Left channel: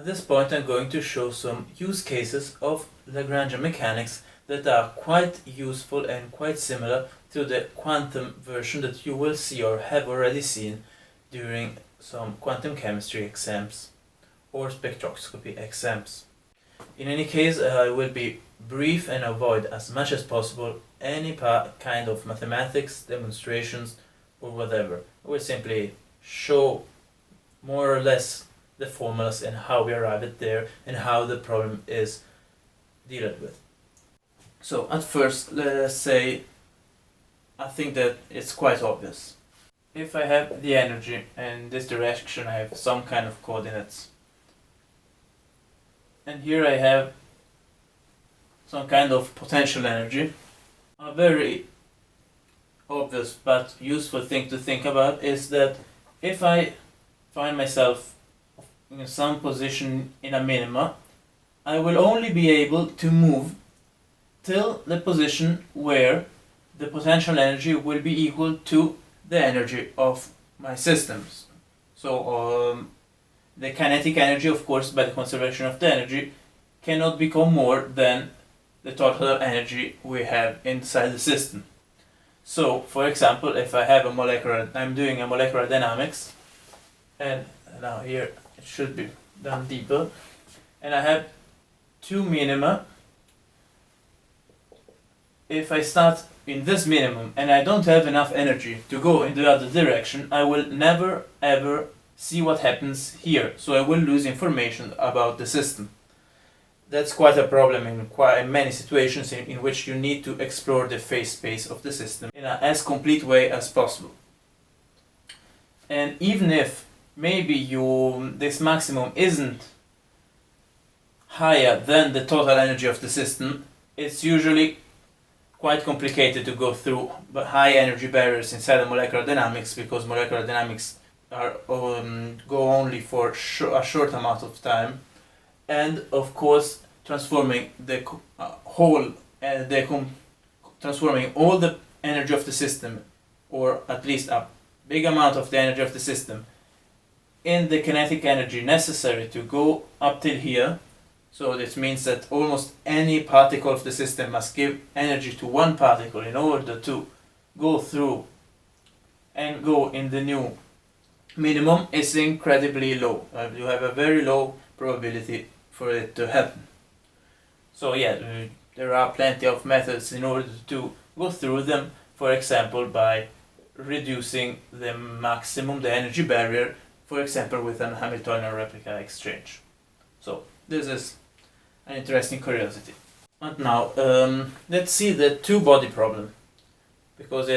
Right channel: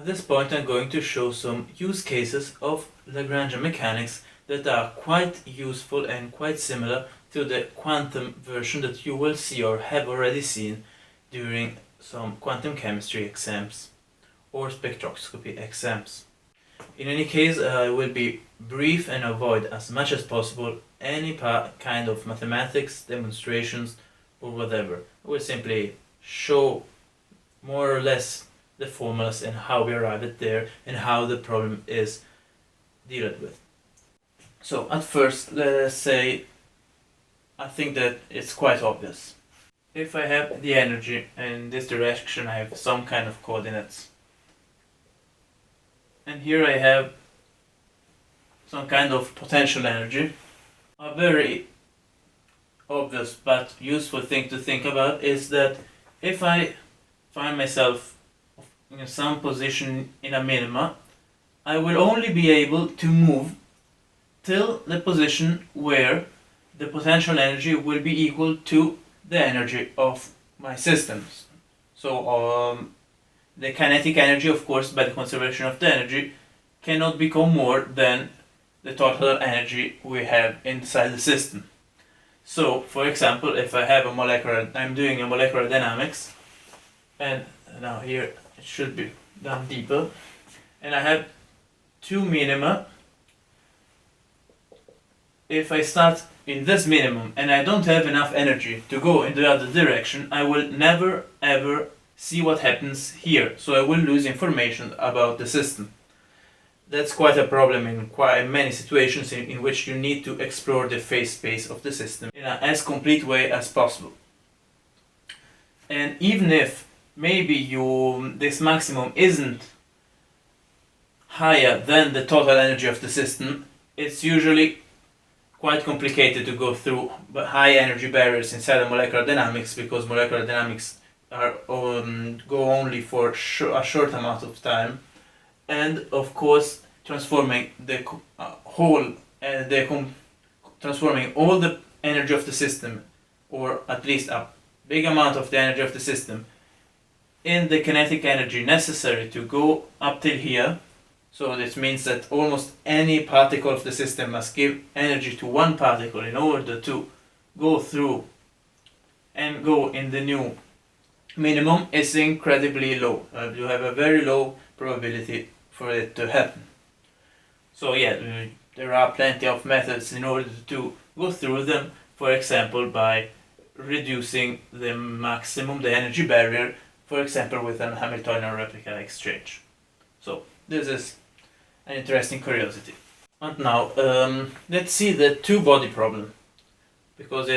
At this point I'm going to show some use cases of Lagrangian mechanics that are quite useful and quite similar to the quantum version that you will see or have already seen during some quantum chemistry exams or spectroscopy exams. In any case, I will be brief and avoid as much as possible any kind of mathematics, demonstrations, or whatever. I will simply show more or less the formulas and how we arrive at there and how the problem is dealt with. So at first, let us say, I think that it's quite obvious. If I have the energy in this direction, I have some kind of coordinates. And here I have some kind of potential energy. A very obvious but useful thing to think about is that if I find myself in some position in a minima, I will only be able to move till the position where the potential energy will be equal to the energy of my systems. So the kinetic energy, of course, by the conservation of the energy, cannot become more than the total energy we have inside the system. So, for example, if I have I'm doing a molecular dynamics, and now here it should be done deeper, and I have two minima. If I start in this minimum and I don't have enough energy to go in the other direction, I will never ever see what happens here, so I will lose information about the system. That's quite a problem in quite many situations in which you need to explore the phase space of the system in an as complete way as possible. And even if maybe this maximum isn't higher than the total energy of the system, it's usually quite complicated to go through high energy barriers inside of molecular dynamics, because molecular dynamics go only for a short amount of time, and of course transforming the transforming all the energy of the system, or at least a big amount of the energy of the system, in the kinetic energy necessary to go up till here. So this means that almost any particle of the system must give energy to one particle in order to go through and go in the new minimum is incredibly low. You have a very low probability for it to happen. So yeah, there are plenty of methods in order to go through them. For example, by reducing the maximum, the energy barrier, for example with an Hamiltonian replica exchange. So this is an interesting curiosity. And now let's see the two-body problem, because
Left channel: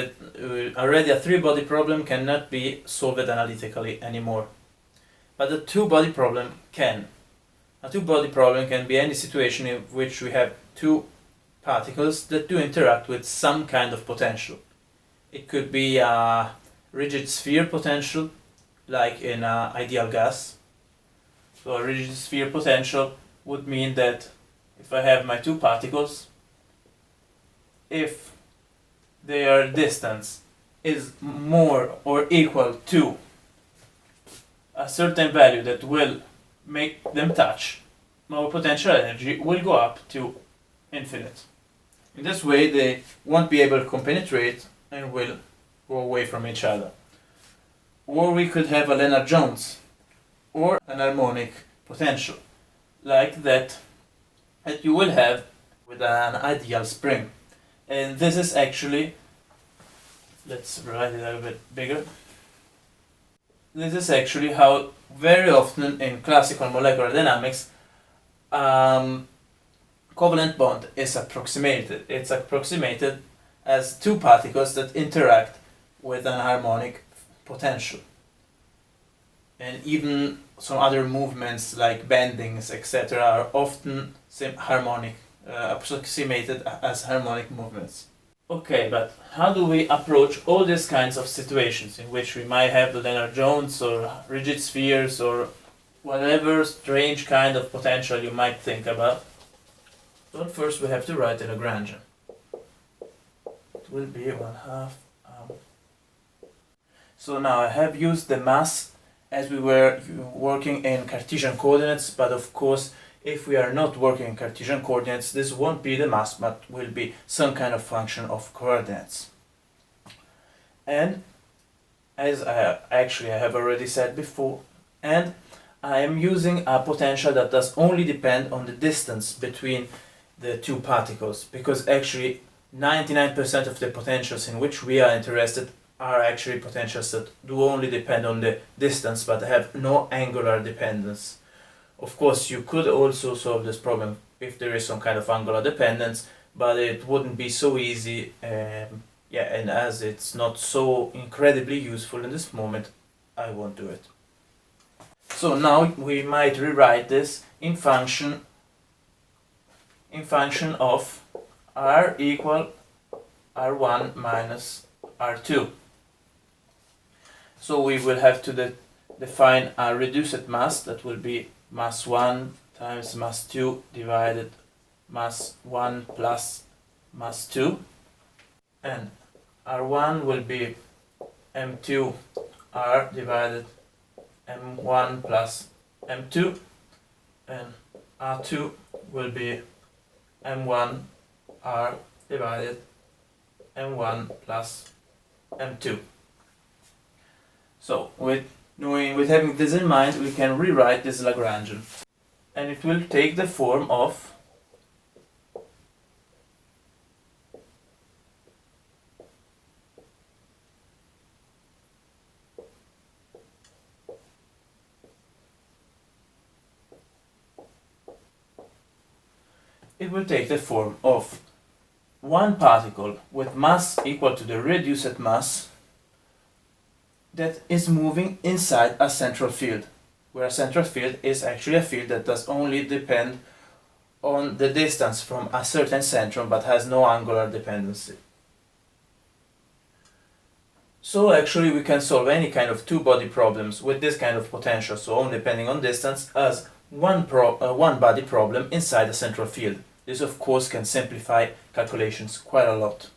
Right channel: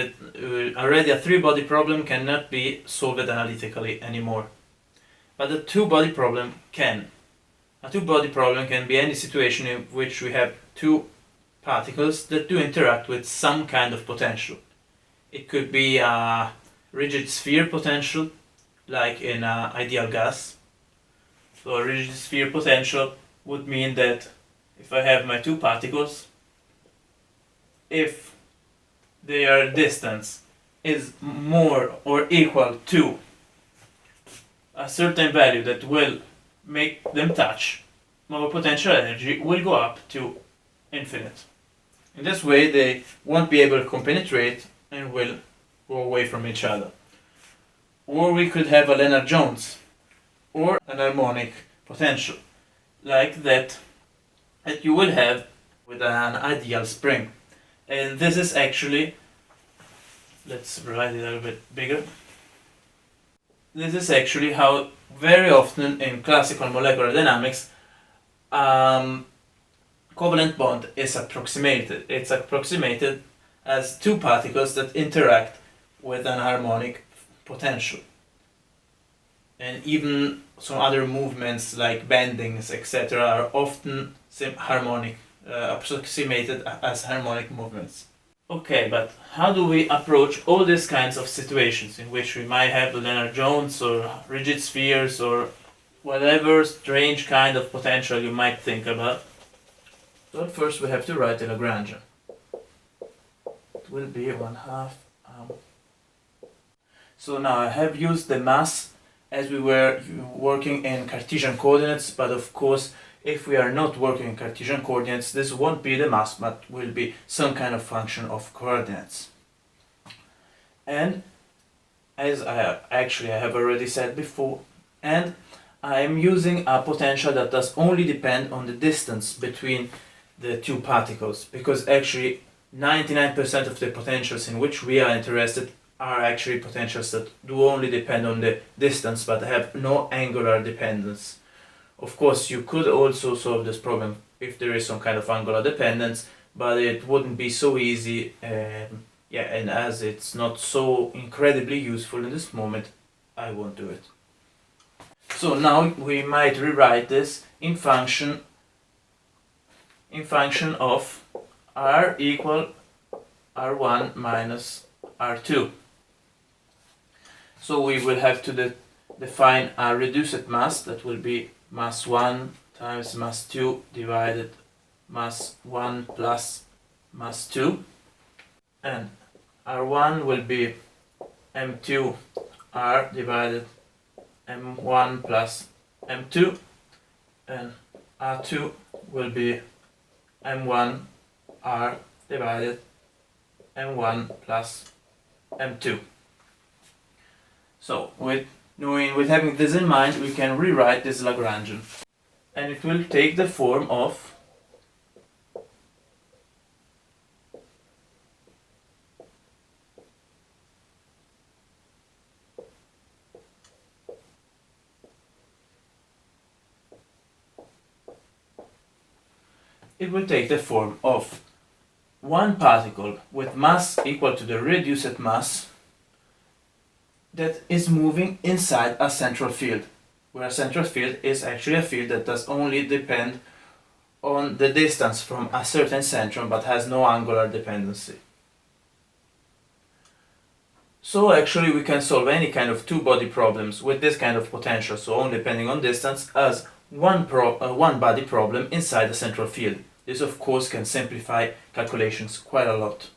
already a three-body problem cannot be solved analytically anymore. But a two-body problem can. A two-body problem can be any situation in which we have two particles that do interact with some kind of potential. It could be a rigid sphere potential, like in an ideal gas. So a rigid sphere potential would mean that if I have my two particles, if their distance is more or equal to a certain value that will make them touch, our potential energy will go up to infinite. In this way they won't be able to compenetrate and will go away from each other. Or we could have a Lennard-Jones or an harmonic potential, like that you will have with an ideal spring. And this is actually, let's write it a little bit bigger. This is actually how very often in classical molecular dynamics covalent bond is approximated. It's approximated as two particles that interact with an harmonic potential. And even some other movements like bendings, etc., are often approximated as harmonic movements. Okay, but how do we approach all these kinds of situations in which we might have the Lennard-Jones or rigid spheres or whatever strange kind of potential you might think about? So at first we have to write the Lagrangian. It will be 1/2. So now I have used the mass as we were working in Cartesian coordinates, but of course if we are not working in Cartesian coordinates, this won't be the mass, but will be some kind of function of coordinates. And as I have already said before, and I am using a potential that does only depend on the distance between the two particles, because actually 99% of the potentials in which we are interested are actually potentials that do only depend on the distance but have no angular dependence. Of course, you could also solve this problem if there is some kind of angular dependence, but it wouldn't be so easy, and as it's not so incredibly useful in this moment, I won't do it. So now we might rewrite this in function of r equal r1 minus r2. So we will have to define a reduced mass that will be mass 1 times mass 2 divided mass 1 plus mass 2, and r1 will be m2 r divided m1 plus m2, and r2 will be m1 r divided m1 plus m2. So with having this in mind, we can rewrite this Lagrangian, and it will take the form of one particle with mass equal to the reduced mass that is moving inside a central field, where a central field is actually a field that does only depend on the distance from a certain centrum but has no angular dependency. So actually we can solve any kind of two-body problems with this kind of potential, so only depending on distance, as one body problem inside a central field. This of course can simplify calculations quite a lot.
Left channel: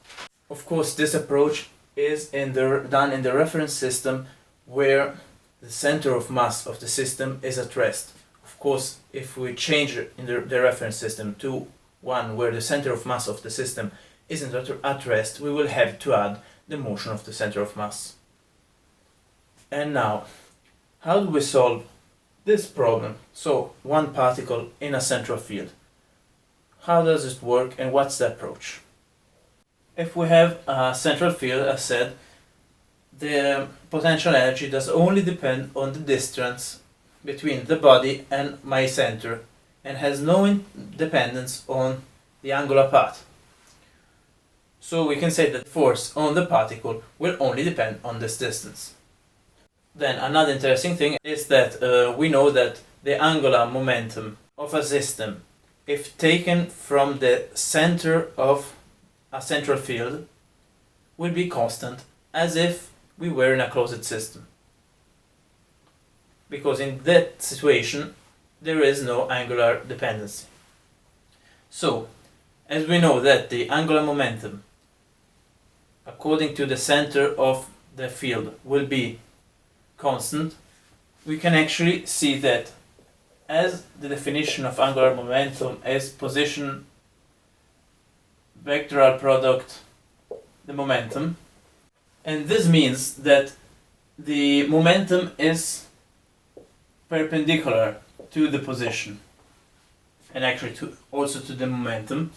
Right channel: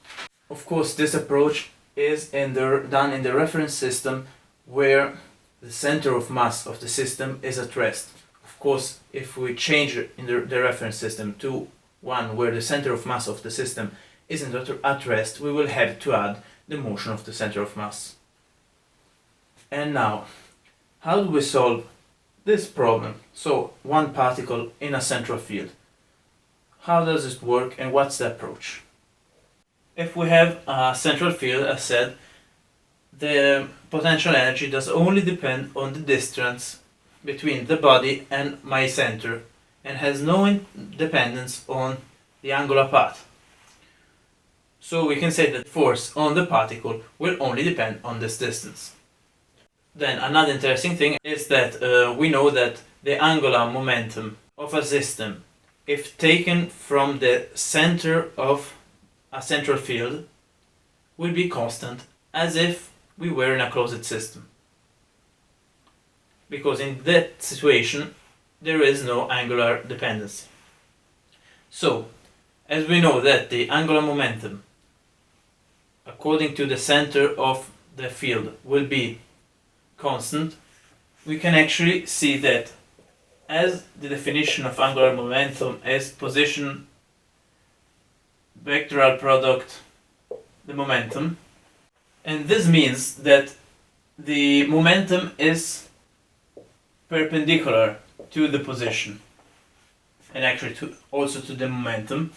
Of course, this approach is done in the reference system where the center of mass of the system is at rest. Of course, if we change in the reference system to one where the center of mass of the system isn't at rest, we will have to add the motion of the center of mass. And now, how do we solve this problem? So, one particle in a central field. How does it work and what's the approach? If we have a central field, as said, the potential energy does only depend on the distance between the body and my center and has no dependence on the angular path. So we can say that force on the particle will only depend on this distance. Then another interesting thing is that we know that the angular momentum of a system, if taken from the center of a central field, will be constant as if we were in a closed system. Because in that situation, there is no angular dependency. So, as we know that the angular momentum, according to the center of the field, will be constant, we can actually see that as the definition of angular momentum is position vectoral product the momentum, and this means that the momentum is perpendicular to the position and actually also to the momentum.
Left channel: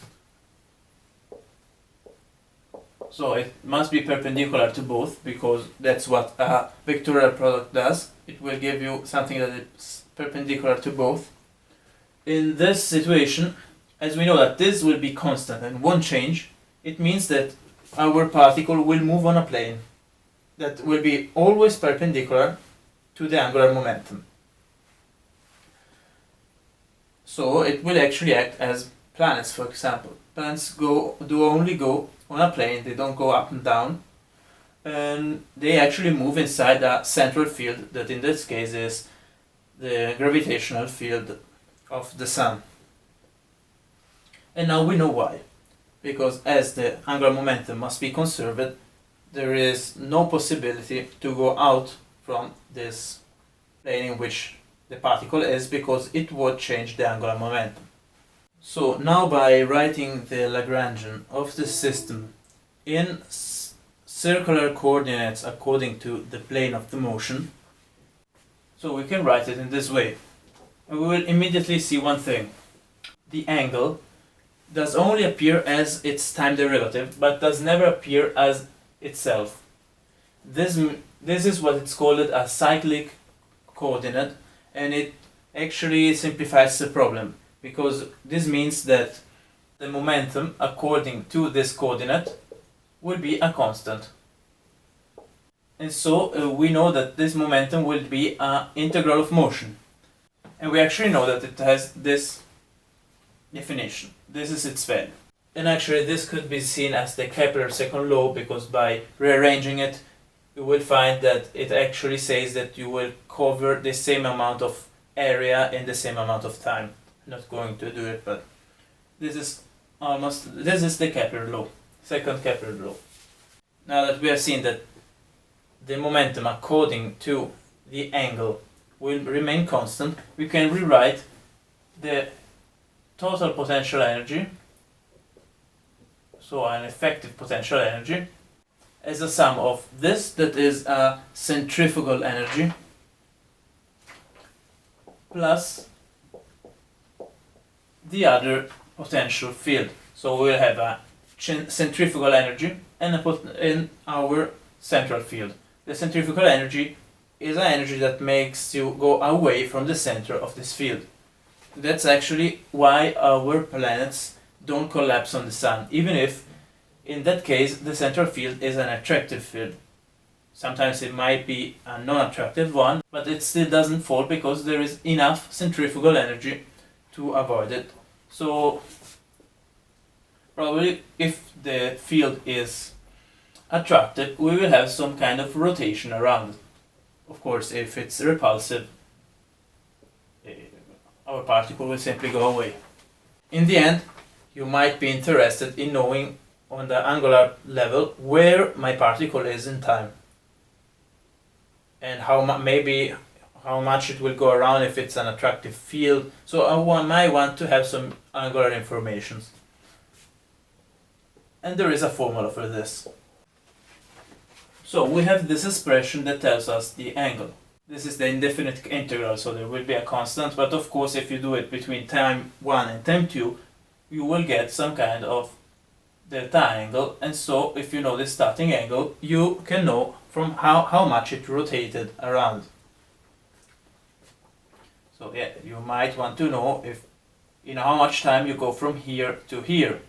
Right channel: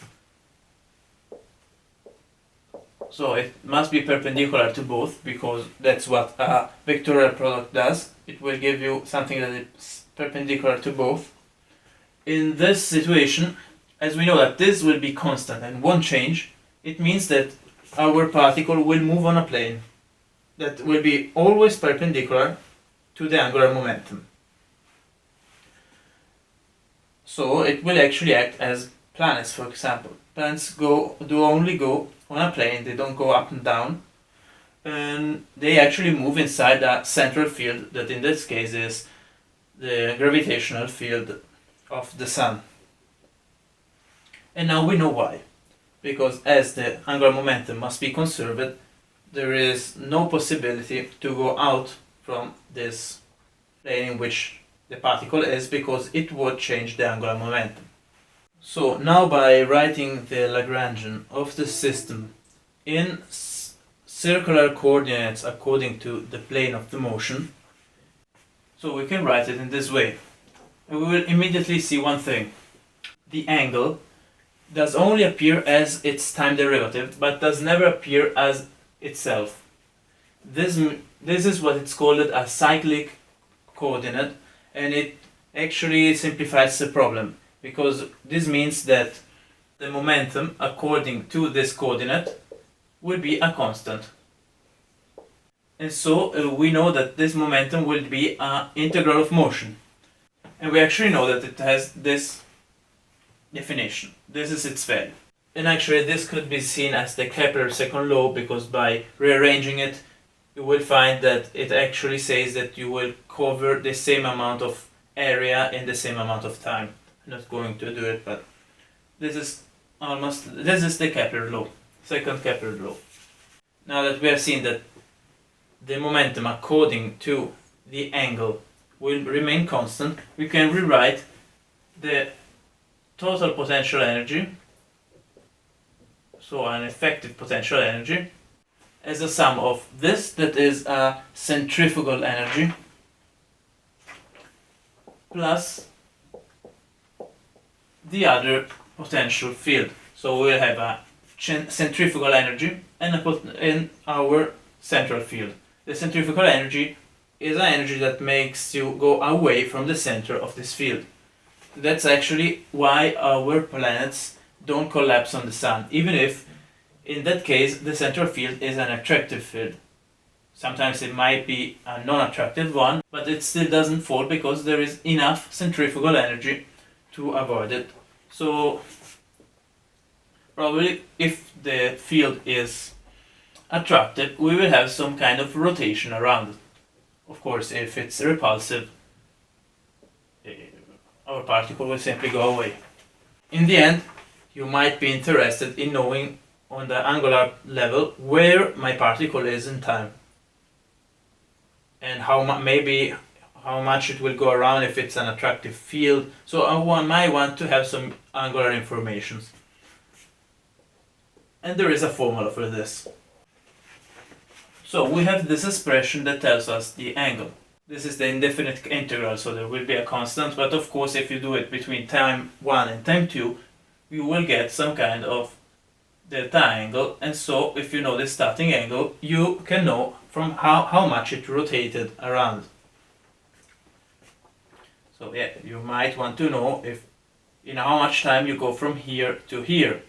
So it must be perpendicular to both, because that's what a vectorial product does. It will give you something that is perpendicular to both. In this situation, as we know that this will be constant and won't change, it means that our particle will move on a plane that will be always perpendicular to the angular momentum. So it will actually act as planets, for example. Planets only go on a plane, they don't go up and down, and they actually move inside a central field that in this case is the gravitational field of the Sun. And now we know why. Because as the angular momentum must be conserved, there is no possibility to go out from this plane in which the particle is, because it would change the angular momentum. So now by writing the Lagrangian of the system in circular coordinates according to the plane of the motion, so we can write it in this way. We will immediately see one thing. The angle does only appear as its time derivative, but does never appear as itself. This is what it's called a cyclic coordinate, and it actually simplifies the problem, because this means that the momentum according to this coordinate will be a constant. And so we know that this momentum will be an integral of motion. And we actually know that it has this definition. This is its value. And actually this could be seen as the Kepler second law, because by rearranging it, you will find that it actually says that you will cover the same amount of area in the same amount of time. I'm not going to do it, but this is the Kepler law, second Kepler law. Now that we have seen that the momentum according to the angle will remain constant, we can rewrite the total potential energy, so an effective potential energy, as a sum of this, that is a centrifugal energy, plus the other potential field. So we'll have a centrifugal energy and our central field. The centrifugal energy is an energy that makes you go away from the center of this field. That's actually why our planets don't collapse on the sun, even if in that case the central field is an attractive field. Sometimes it might be a non-attractive one, but it still doesn't fall because there is enough centrifugal energy to avoid it. So probably if the field is attractive, we will have some kind of rotation around it. Of course, if it's repulsive, our particle will simply go away. In the end, you might be interested in knowing on the angular level where my particle is in time, and how much it will go around if it's an attractive field. So I might want to have some angular information. And there is a formula for this. So we have this expression that tells us the angle. This is the indefinite integral, so there will be a constant, but of course if you do it between time 1 and time 2, you will get some kind of delta angle, and so if you know the starting angle, you can know from how much it rotated around. So yeah, you might want to know if in how much time you go from here to here.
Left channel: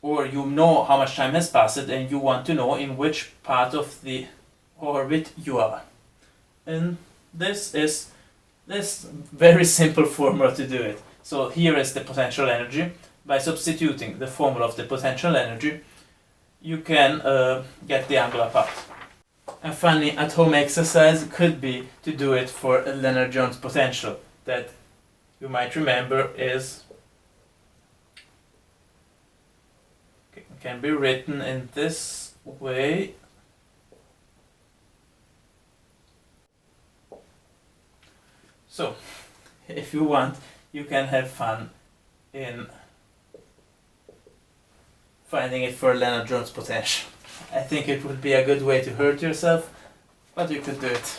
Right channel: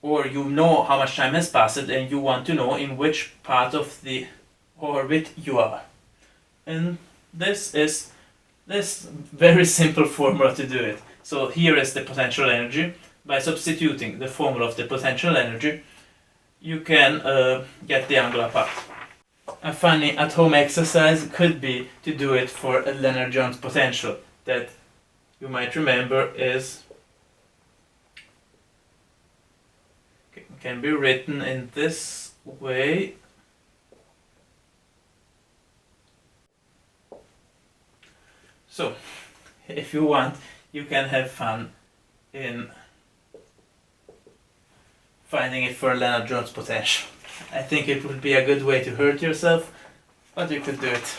Or you know how much time has passed and you want to know in which part of the orbit you are. And this is this very simple formula to do it. So here is the potential energy. By substituting the formula of the potential energy, you can get the angular part. A funny at-home exercise could be to do it for a Lennard-Jones potential that you might remember can be written in this way. So, if you want, you can have fun in finding it for Lennard-Jones potential. I think it would be a good way to hurt yourself, but you could do it.